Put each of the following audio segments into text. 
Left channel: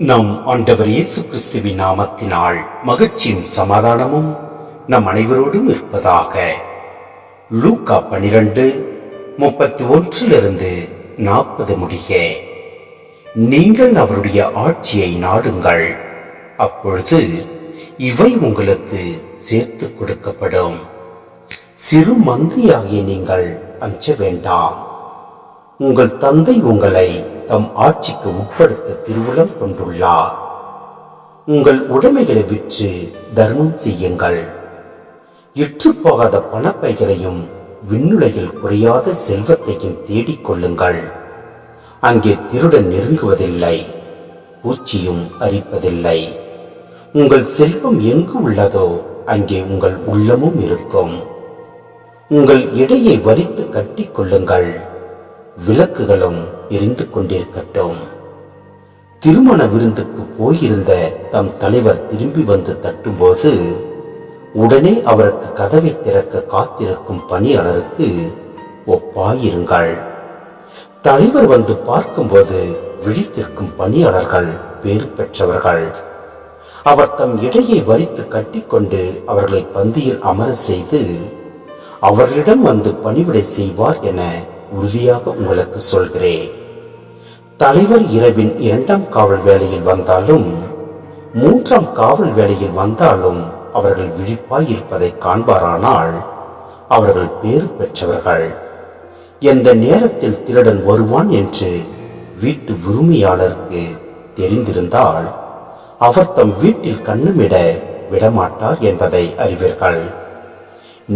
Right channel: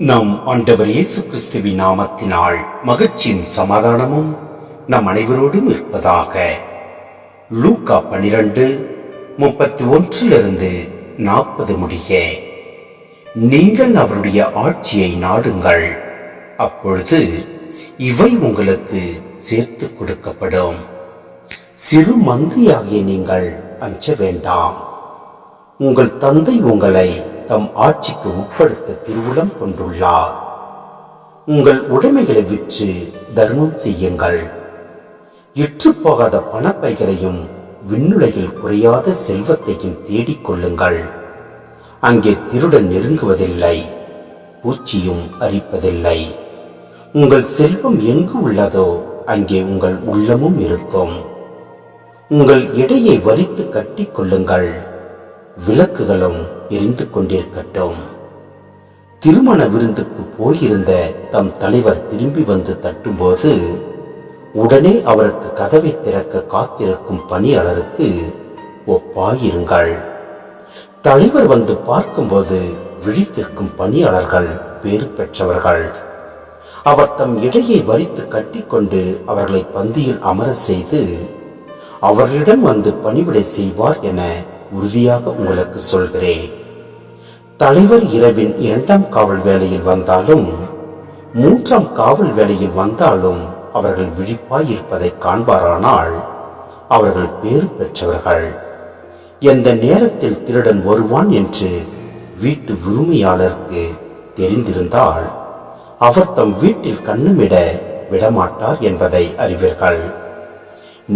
நம் ஆண்டவர் இயேசு கிறிஸ்துவின் நாமத்தினால் மகிழ்ச்சியும் சமாதானமும் நம் அனைவரோடும் இருப்பதாக. லூக்கா 12:31 முடிய. நீங்கள் அவருடைய ஆட்சியை நாடுங்கள், அப்பொழுது இவை உங்களுக்கு சேர்த்து கொடுக்கப்படும். சிறு மந்தியாகிய நீங்கள் அஞ்ச வேண்டாம். உங்கள் தந்தை உங்களை தம் ஆட்சிக்கு உட்படுத்த திருவுளம் கொண்டுள்ளார். உங்கள் உடைமைகளை விற்று தர்மம் செய்யுங்கள். இற்றுப்போகாத பணப்பைகளையும் விண்ணுலகில் குறையாத செல்வத்தையும் தேடிக்கொள்ளுங்கள். அங்கே திருடன் நெருங்குவதில்லை, பூச்சியும் அரிப்பதில்லை. உங்கள் செல்வம் எங்கு உள்ளதோ அங்கே உங்கள் உள்ளமும் இருக்கும். உங்கள் இடையை வரித்து கட்டிக்கொள்ளுங்கள், விளக்குகளும் எரிந்து கொண்டிருக்கட்டும். திருமண விருந்துக்கு போயிருந்த தம் தலைவர் திரும்பி வந்து தட்டும்போது உடனே அவருக்கு கதவை திறக்க காத்திருக்கும் பணியாளருக்கு ஒப்பாயிருங்கள். தலைவர் வந்து பார்க்கும்போது விழித்திருக்கும் பணியாளர்கள் பேறு பெற்றவர்கள். அவர் தம் இடையை வரித்து கட்டிக்கொண்டு அவர்களை பந்தியில் அமர செய்து அவர்களிடம் வந்து பணிவிடை செய்வார் என உறுதியாக உங்களுக்கு சொல்கிறேன். தலைவர் இரவின் 2ஆம் காவல் வேளையில் வந்தாலும் 3ஆம் காவல் வேளையில் வந்தாலும் அவர்கள் விழிப்பாய் இருப்பதை காண்பாரானால் அவர்கள் பேறு பெற்றவர்கள். எந்த நேரத்தில் திருடன் வருவான் என்று வீட்டு உரிமையாளருக்கு தெரிந்திருந்தால் அவர் தம் வீட்டில் கண்ணமிட விடமாட்டார் என்பதை அறிவீர்கள்.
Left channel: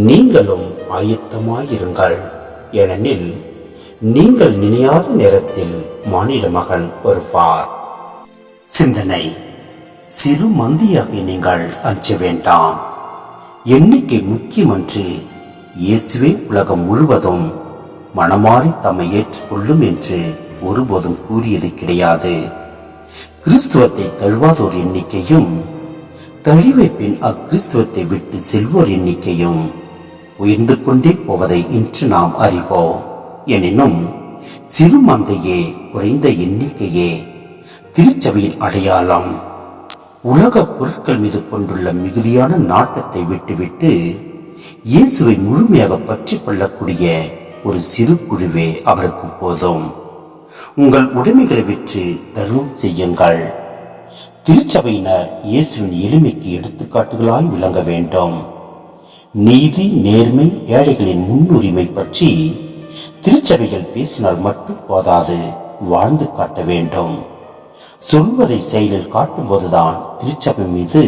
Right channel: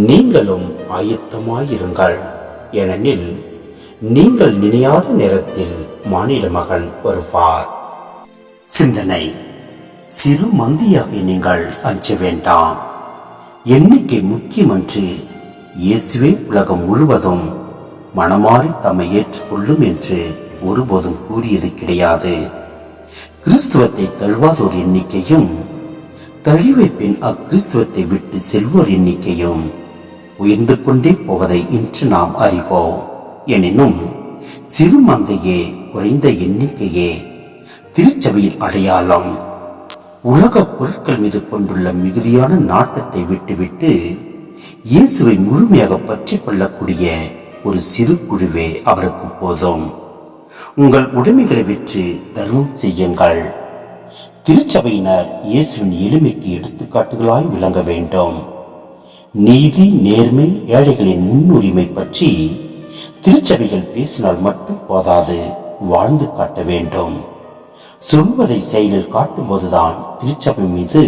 நீங்களும் ஆயத்தமாயிருங்கள், ஏனெனில் நீங்கள் நினையாத நேரத்தில் மானிட மகன் வருவார். சிந்தனை: சிறு மந்தியாகி நீங்கள் அஞ்ச வேண்டாம். எண்ணிக்கை முக்கியமன்று, இயேசுவே உலகம் முழுவதும் மனமாறி தம்மை ஏற்றுக்கொள்ளும் என்று ஒருபோதும் கூறியது கிடையாது. கிறிஸ்துவத்தை தழுவாதோர் எண்ணிக்கையும் தழிவை பின் அக்கிறிஸ்துவத்தை விட்டு செல்வோர் எண்ணிக்கையும் உயர்ந்து கொண்டே போவதை இன்று நாம் அறிவோம். எனினும் சிறு மந்தையே, குறைந்த எண்ணிக்கையே திருச்சபையின் அடையாளம். உலக பொருட்கள் மீது கொண்டுள்ள மிகுதியான நாட்டத்தை விட்டுவிட்டு இயேசுவை முழுமையாக பற்றி கொள்ளக்கூடிய ஒரு சிறு குழுவே அவருக்கு போதும். உங்கள் உடைமைகளை விற்று தர்மம் செய்யுங்கள். திருச்சபையினர் இயேசுவின் எளிமைக்கு எடுத்துக்காட்டுகளாய் விளங்க வேண்டும். நீதி, நேர்மை, ஏழைகளின் முன்னுரிமை பற்றி திருச்சபைகள் பேசினால் மட்டும் போதாது, வாழ்ந்து காட்ட வேண்டும். சொல்வதை செயலில் காட்டும்போதுதான் திருச்சபை மீது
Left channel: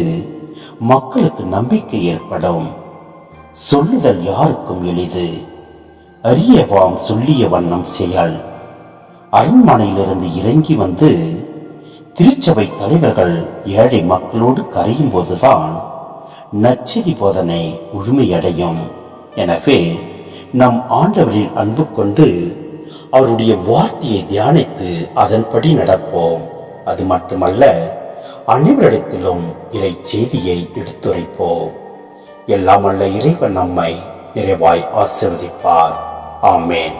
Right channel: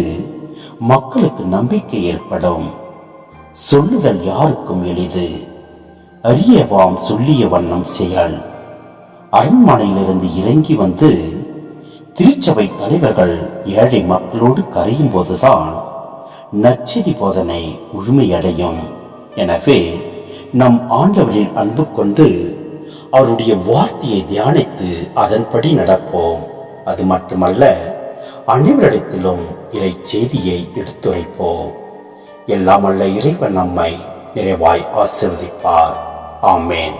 மக்களுக்கு நம்பிக்கை ஏற்படும். சொல்லுதல் யாருக்கும் எளிது, அறியவாம் சொல்லிய வண்ணம் செயல். அரண்மனையிலிருந்து இறங்கி வந்து திருச்சபை தலைவர்கள் ஏழை மக்களோடு கரையும் போதுதான் நற்செய்தி போதனை முழுமையடையும். எனவே நம் ஆண்டவரின் அன்பு கொண்டு அவருடைய வார்த்தையை தியானித்து அதன்படி நடப்போம். அது மட்டுமல்ல, அனைவரிடத்திலும் இறை செய்தியை எடுத்துரைப்போம். எல்லாம் அல்ல இறைவன் நம்மை நிறைவாய் ஆசீர்வதிப்பார். ஆமேன்.